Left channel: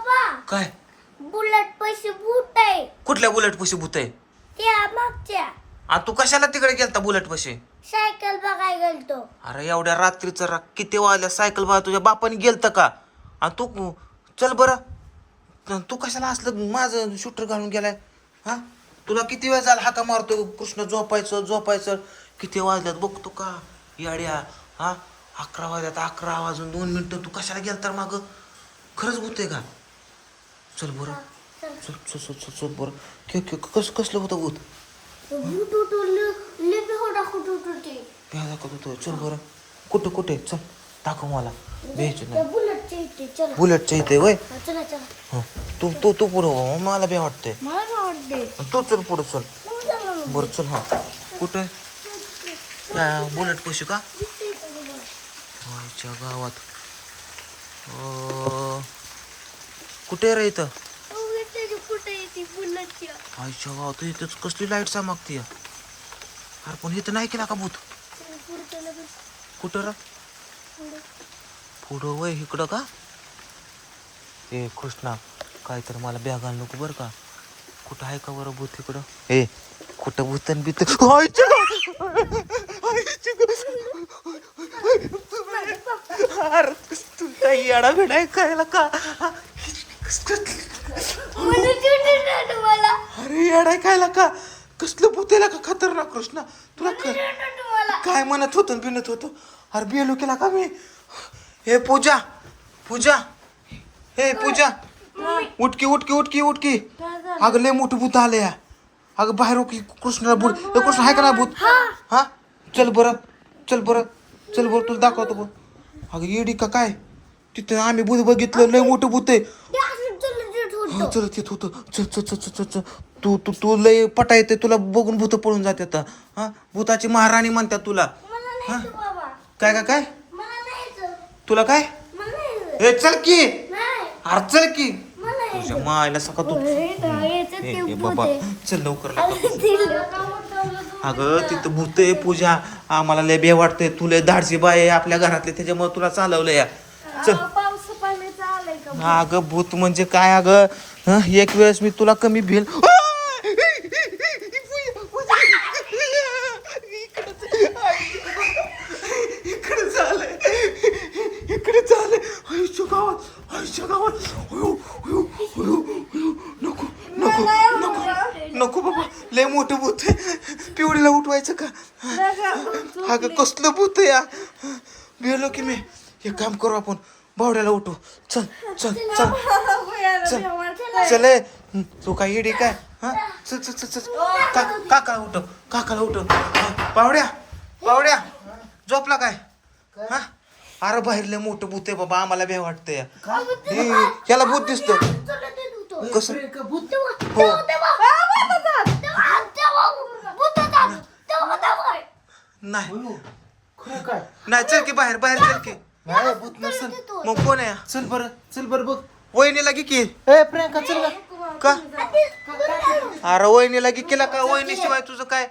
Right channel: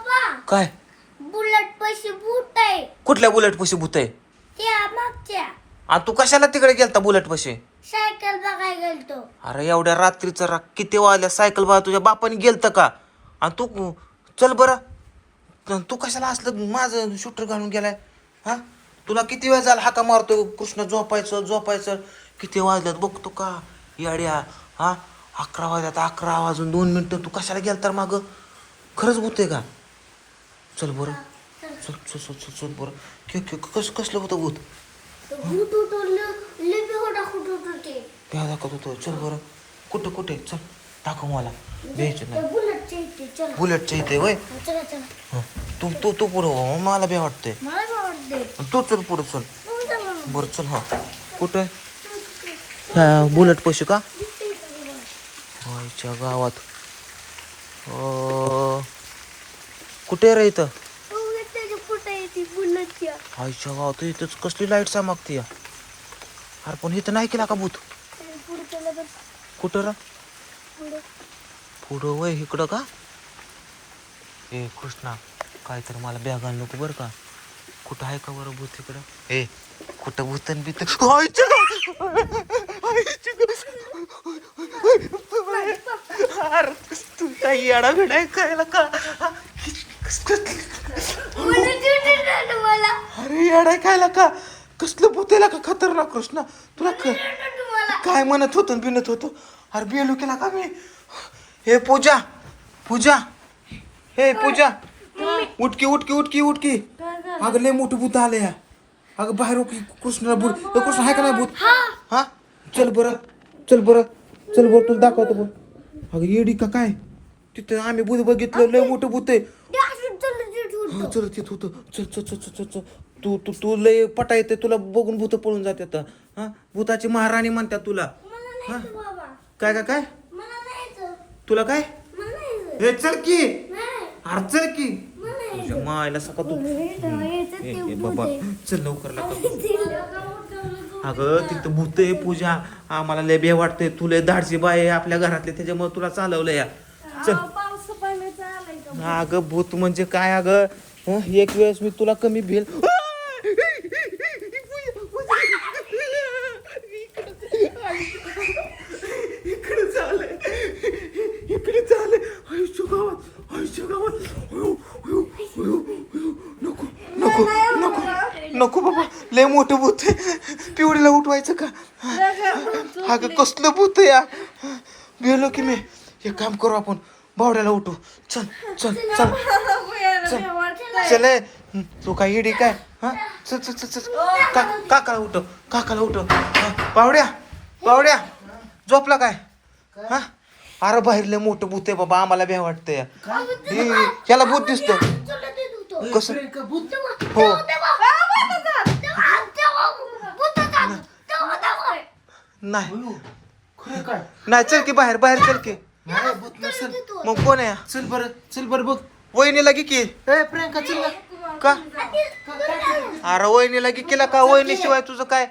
बाबा. काय? बुलेट पैसे बूट आहे. कुठल्या बुलेट पशी भूत आहे? त्या मागच्या. तू कशाला तिकडे गेलता बुलेट पशी सायकल बघायला गेलतो. अरे एवढ्या रात्रीचं रा किती वाजल्या सायकल बघा तुझ्या बापाने गेलतं का? आणि तू चल बरं. त- तू कशाला असलं माझं शूटर घालून गेलाय? हा? तुला किती वेळ झाला हाका मारतो कृष्ण झोपायचं झोपायचं. किती वाजल्यात? बघतो का? याड्या. हा? अकरा वाजल्यात अकरा वाजून दोन मिनिटं. तू कशाला गेल तर माग? खरंच होतंय का? चल बरं. चल चल चल चल चल बरं. के के कसं कसलं होतं भूत? तो बूट होतो लिपी होता कुठं होतं ते. काय दाखवत होतो. चल बरं. कुठं कुठे चल दाखव मला. द्यायचं नाही बुलेटच्या इथे वय. चला चला. तू तू तू पुढं हो, मला बी वाटतंय. तू चल पुढं चल. बरं चल हा. कुठं हा बुलेट पशु का? गावात. कुठे रे इथं? कुठं आहे ती आईच्या इथंच कसली लाइट चमकते या अरे पण इथं नाही केला का भूत. कुठं रा? पुढं. वय इकडं का? ए कृष्णा काय तर मला बॅग आण नको बरं का. कुठं आहे का बरं भूत इकडं? ए कुठं भूतन बीत अरे तू काही येडा भेडाय कळलं का मला चिडचिड झालं मला अरे येडाय कायला का? कसलं भूत का? खतरनाक कृष्णा तुला काय म्हणत होतं बिनत होतो? अरे बेलो केला का मी? हे पूजा पूजा. हे पूजा. उठकी उठकी उठकी उठकी. अगं लय मोठं भूत आले या. अगं बाहेर की कृष्णाला भूत हे कृष्ण आहे का नाही भूत? हा? चल बरं चल बरं चल बरं तुला दाखवतो अग अगं येडी का काय? तिथं आम्ही भूत बघितलं लय मोठं भूत आहे. होतं. हो चल येत होतं चल चल चल चल चल. तू तू तू लय पटा येते तुला बघून भूत पळून जाते हा? भूताची महाराणी म्हणतात तुला. मला नाही यायचं बाबा. काय काय काय? मला नाही यायचं. तुला काय? मला नाही यायचं. हे चल की. नाही. अरे चल की. मला नाही यायचं. तुझ्या मायला सका तू. अरे, काय यायचं ए, ते ए, बाबा. चल लवकर अगं तिथं भूत आहे पूजा. आम्हाला लय बे वाटते तू लय धाडसी बाय आहे आपल्या घरातले त्याच्यामुळे तुला चालवलं या चल पाऊस पाण्याचं आलंय का अगं भूत म्हणजे काय अगं? हं, एक वेळेस मी तुला कमी भेल इकडे झालंय इकडे झालंय आयुष्य गावात आयुष्य गावात. अयो, अयो, अयो, अयो. नको नको नको नको बाबा. लय मोठं भूत आहे. पिवडीला उठवायचं का? अगं कसलं भूत आहे या? भेलो की मी. हे काम करू आपण. बावड्याला उठू. चल चल चल. चल. चल. तू काय येडी काय? हा? चल चल चल चल. का काकाला उठव काकाला उठव हा, बावड्या बावड्या. झोपला काय? हा? अरे बाहेर लय मोठं भूत आहे बाबा आम्हाला भ्या वाटतंय. हे, याला भूत दिसतं कसं? हो. नाही. नाही चल की बाहेर बाहेर चल की. नाही भूत नसेल. मग कोण आहे? चल बरं चल बरं बघ. वहिनीला की की. ए प्रियंका चल ना. का? अरे वहिनीला की. केला का वहिनी शिवाय तुझं काय?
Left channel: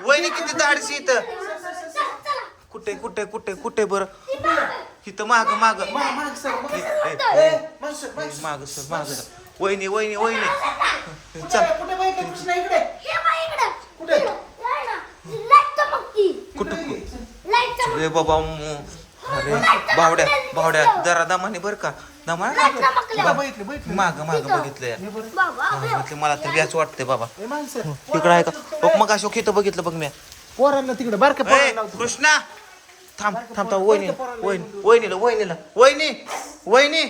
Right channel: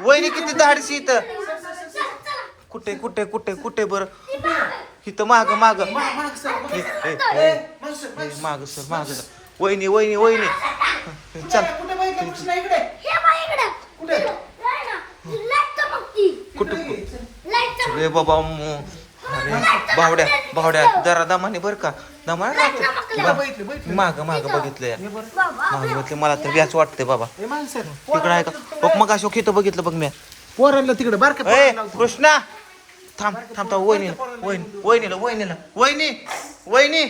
वहिनी किती धाडशी इथं? कुठे कुठे कुठे कुठे बर? इथं माग माग. माग सर माग. सर, वहिनी वहिनी वहिनी. चल. कुठे कुठं रे बाबा बावड्या बावड्या जरा दमाने बर का? दमा माग माग बघितलं मला तर व्याच वाटतंय बाबा. तिकडं आहे का? मग अशोक इथं बघितलं बघ मी. पोरांना तिकडे बारके ए कृष्णा! थांब थांब थांब वहिनीला वहिनी वहिनीला वहिनीला. वहिनी वहिनी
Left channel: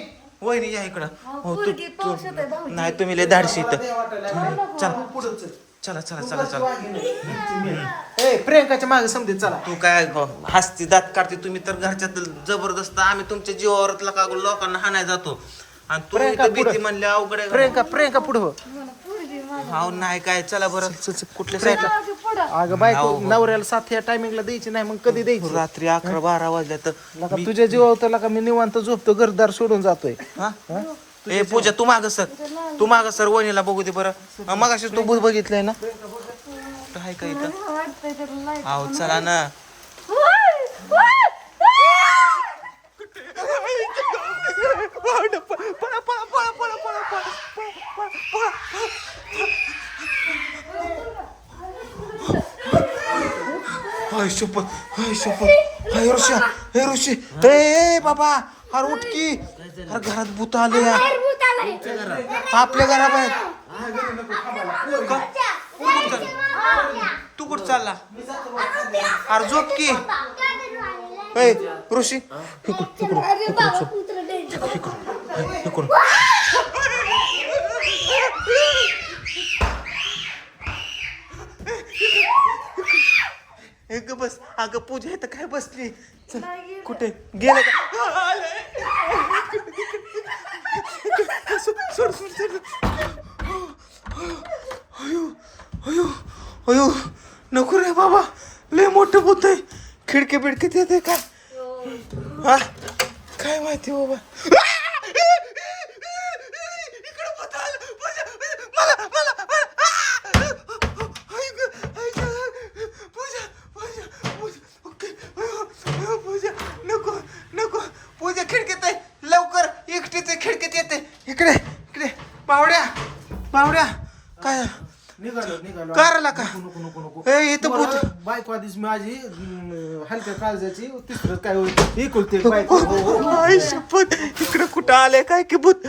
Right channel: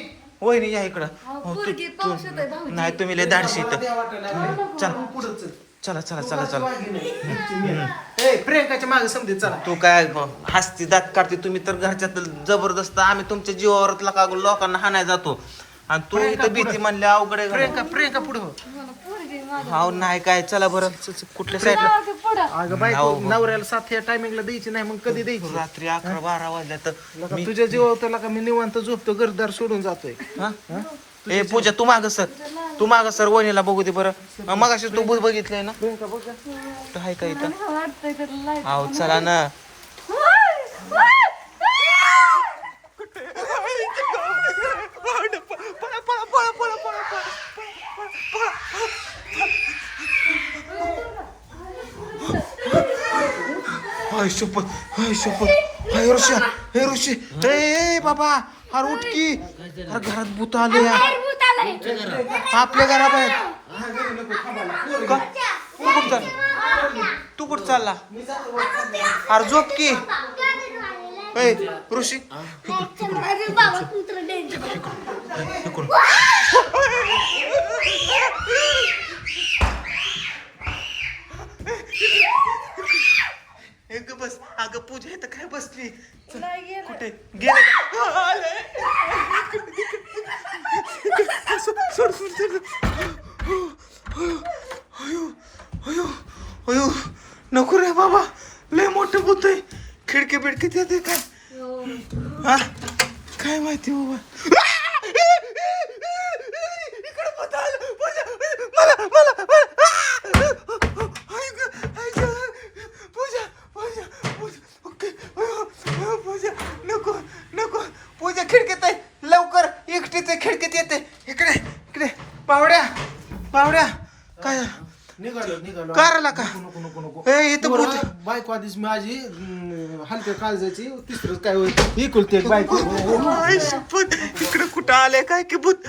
वहिनी या इकडं. हो नाही तुम्ही लय धाडशी इथं. चल. चल चला चला चला. प्रियंकाच्या मागे समजेल चला. तू काय ब- हसती दात काढते तुम्ही तर घरच्यात जबरदस्त. आम्ही तुमच्या जीवावर का लोकांना हाणाय जातो. आणि तू इथं भीती म्हणले अवघड आहे प्रियंका प्रियंका पुढे हो. हाव नाही काय चला बरं. कुठल्या साईडला? अगं बायको नवऱ्याला साथ या टायमिंगला द्यायची नाही मग कधी द्यायची? रात्री अकरा बारा वाजल्या तर लका तुझ्या जीवावर तर लका मी निवांत झोपतो घरदार सोडून जातोय. हा? ए पूजा तू माग सर. तू माग सर वणीला बघू दे बरं. मग अशी तू बुध बघितलंय ना? तर हाय काय इथं? आहो चला ना. Hi super. Hi super. Hi Rishi. Hey Rishi. हे बाबा हर उठकी. हर घरात भूत आले या तुमच्या आपल्या घराबाहेर हा, का? तू कुठ चाल तू चालला? मी झोप की. ऋषी. एक बस अगं पूजा इथं काय बसली? चल, कुठे? गेले का? आले. सोड, सोड, सोड. अयो अयो अयो. नको रे बाबा लय मोठं भूत आहे. खिडकी बिडकीत येते का हा? काय माहिती बाबा इकडं भूत आलं. पूजा, मला मला मला आई गं, आई गं. पूजा पूजा पूजा ओके अयो, अयो, पूजा नको नको पूजा खिडकीत आहे लवकर एकटीच आहे खिडकीत येते इकडे इकडे पावड्या पावड्या काय करायला का? नको नको नको ए इथं भूत पोरं, बायको आधीच माझी अं, हलक्या काळजाची तिसरं काय होईल? इकुलते एक बायको. हो, हो. आई शपथ. इकडे कुठं आले काय की भूत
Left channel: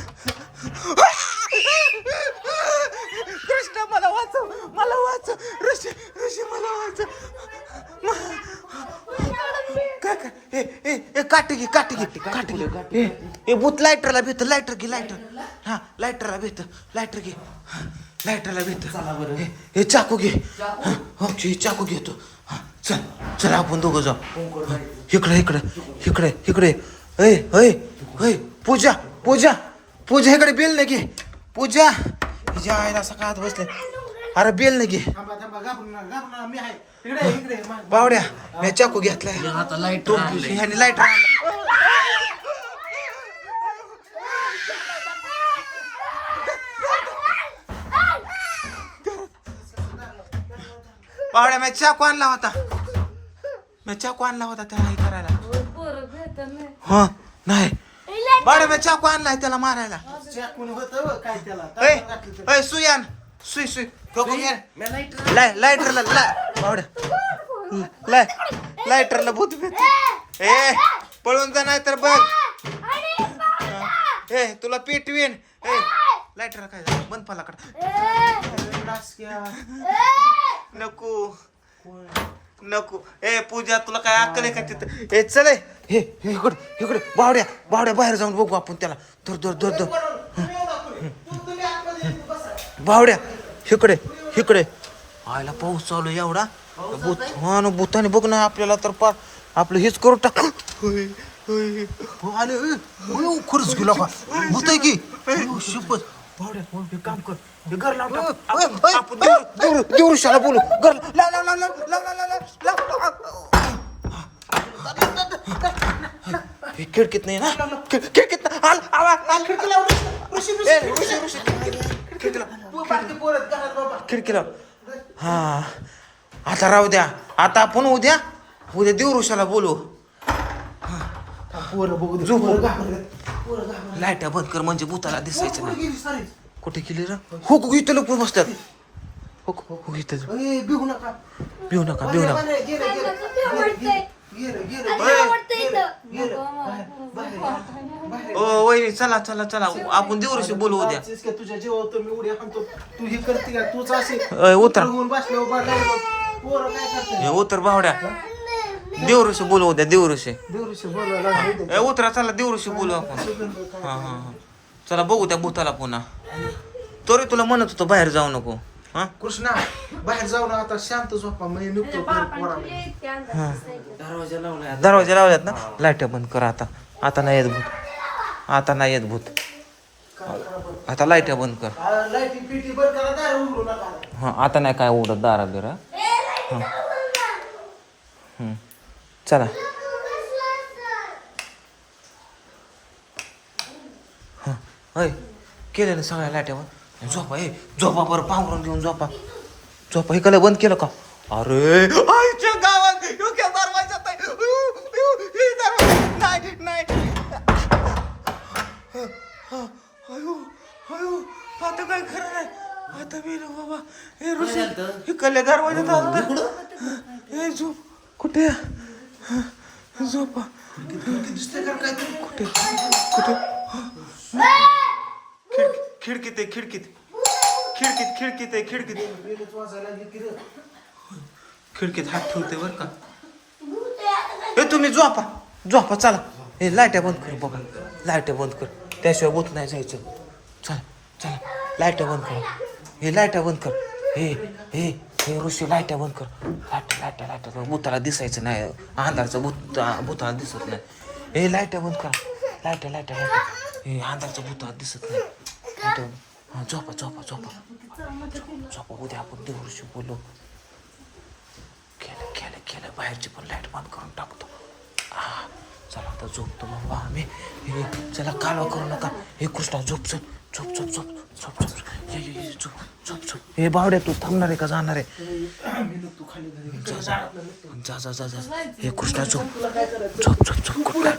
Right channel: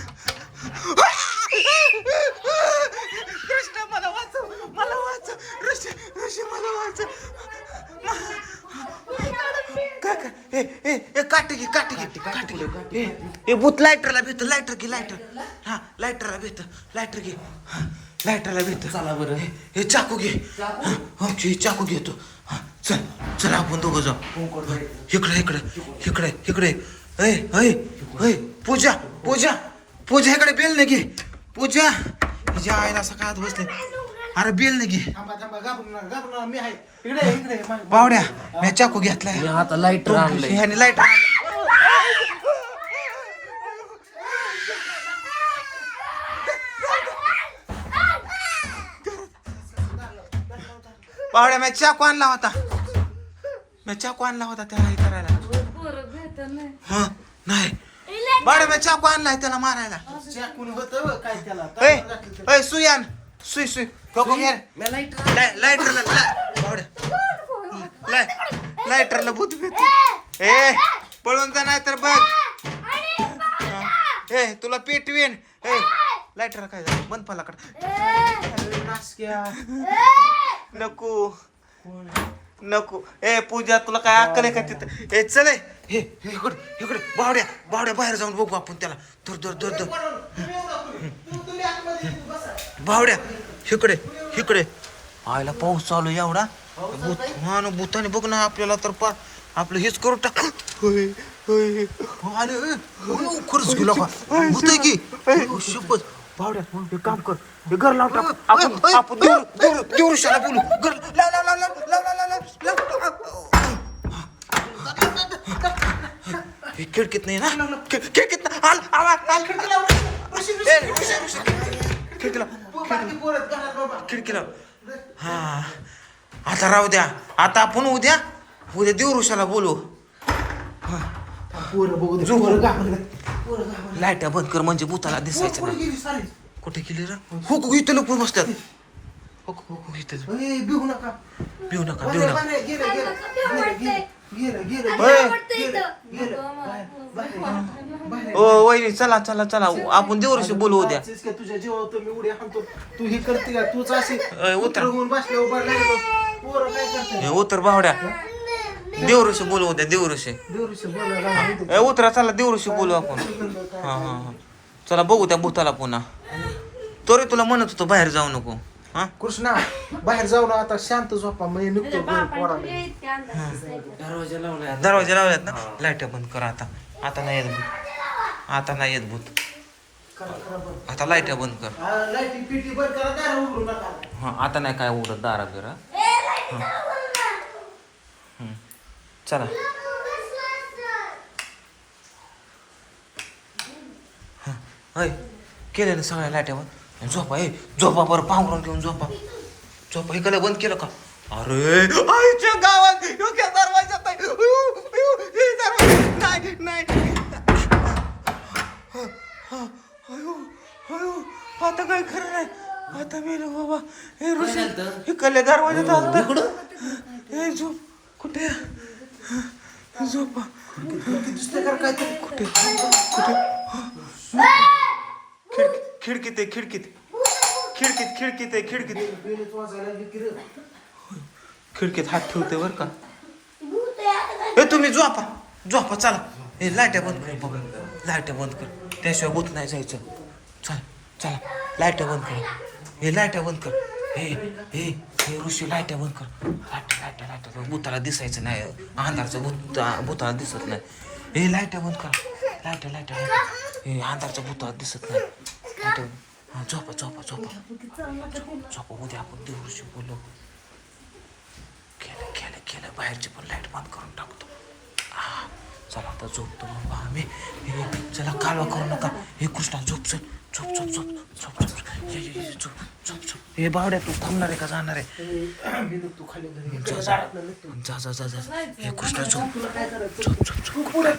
कृष्ण मला वाचव मला वाचव. ऋषी ऋषी मला वाचव. काय काय ए ए ए काठी घे काठी घे काठी घे. ए, ए भूत लायटरला भेट लायटर घे लायटर हा लायटरला भेट लायटर घे. हा, लायटरला भेट. चला बरं. हे चाकू घे. हा, चाकू घेतो. हा चल चल आपण दोघं जाऊ. इकडे इकडे इकडे इकडे. ऐ ऐ ऐ पूजा पूजा पूजा इकडे बेल नाही घे. पूजा तुझ्या आईला सकाळत बसले. अरे बेल नाही घे. थांबा थांबा घाबरू नका घाबरू नका. मी आहे. इकडे इकडे मा- बावड्या मी चाकू घेतलाय. आता लाइट ह्याने बावड्या मी चाकू आणला होता. मी चाकू आणला होता त्याला हे करायला. हा नाही. बावड्या मी चाकू आणलाय त्याला मारायला. चाकून होतं काय त्याला घातलं ते. ए सुयान सुई सुई ठोको घे लाय लायटरला लाय लायटरला भूत भेट ए पळून जा नाही तर बघ ए तुला पेटवीन ए लायटर काय झालं? बंद पलाकड. नको. नको. ए पूजा तुला काय अक्कल आहे का तिथं? ए चल ए. हे हे, इकडे इकडे. बावड्या बावड्या बाहेर जाऊन बघू आपण त्याला. धर धर धर धर. बावड्या इकडे इकडे. आयला पाऊस चालू आहे एवढा. भूत हा ना भूताने बघ ना आपल्याला तर पार आपलं हेच करू टाक. होय, होय. ए, खरंच गेला का भूत आहे की? शपथ. हे काम कर. हे घर लाव टाक. आपण आपण देऊ- देऊ- देवऋषाला बोलू. घर लाव लाव लाव लाव लाव लाव लाव लाव हे खिडकीत नाही ना? खि- खिडकीत ना? आल आवाज आल. खिडकीला खिडकीला. खिडकीला. हा. आता राहू द्या. आता आपण उद्या उद्या देवऋषाला बोलू. पोरं बघू दे. पोरं. लाइट बंद कर म्हणजे भूताला दिसायचं ना कुठे गेली र? हो कु इथं लोक बसतात भिऊ नका. भिऊ नका भिवू नका. वहिनी चला चला चला. आपण देऊ रशी बोलू उद्या तुझ्या जीवावर तुम्ही उड्या हाणतो तू हे करते का? तूच असे उतर. बसले उभा उतर बावड्या. देवऋषी बोलू उद्या देवऋषी. ए उतरा चला देवऋषी बोलू आपण. हा हा हा. चला बघू त्या भूताला पुन्हा. तरी तुला म्हणत होतो बाहेर जाऊ नको. हा? कृष्णा बाहेर जाऊ ना आता शांत झोपा म्हणजे पोराला. दरवाजा लावलाय दरवाजा लावल्यात ना? लाइट बंद कर आता. आता नाही येत भूत. आता नाही येत भूत. आता लाइट बंद कर. आ, लाईटी पिटी बंद करा दार उघडू नका. हा आता नाही काय उघडत दारा बिरा. चला. हं, केलं ना सगळ्या लाट्यावर. झोपा ए झोपा बरं पांघरून घेऊन झोपा. झोपा हे कलं बंद केलं का? अरे आईच्या गावात डोक्या दरवाजा- नाही. नाही आता काय खरं नाही. आता मी बाबा हे ऋषी हे कल्ले दरवाजात आलं हे झोप कुठे झोपा? कुठे? कुठे? खिडकी खिडकीत आहे खिडकीत. खिडकीत खिडकीत आहे खिडकीत. खिडकीत हात ठेवते बरं का. ए तुम्ही झोपा. झोपा चला. हे लाईट्या बंद कर बाबा लाईट्या बंद कर. त्याशिवाय भूत नाही जायचं. चल चला. लाईट्या बंद कर. हे लाईट्या बंद कर. हे हे. हे ऋषी लाईट्या बंद कर. लाईट्या लाईट्या लाईट्या भूताला दिसायचं नाही. अंधारचं भूत भूताला दिसत नाही. हे लाईट्या बंद कर. लाईट्या लाईट्या लाईट्या हे अंधारचं भूताला दिसत नाही. हां झोपा झोपा झोपा. झोपा उद्या आपण देवऋषी बोललो. केलं केलं केलं. बाहेरची पण लाइट बंद करून टाकतो. हां चला आता झोपतो बाबा आम्ही हे, चला कालवा करू नका. हे कृष्णा झोपचं. झोप झोप झोप झोप झोप हे, झोप झोप झोप हे बावड्या तू थांबणार आहे का जाणार आहे. जा जा. जा जा जा. हे कृष्णा झोप झोप झोप झोप पुढे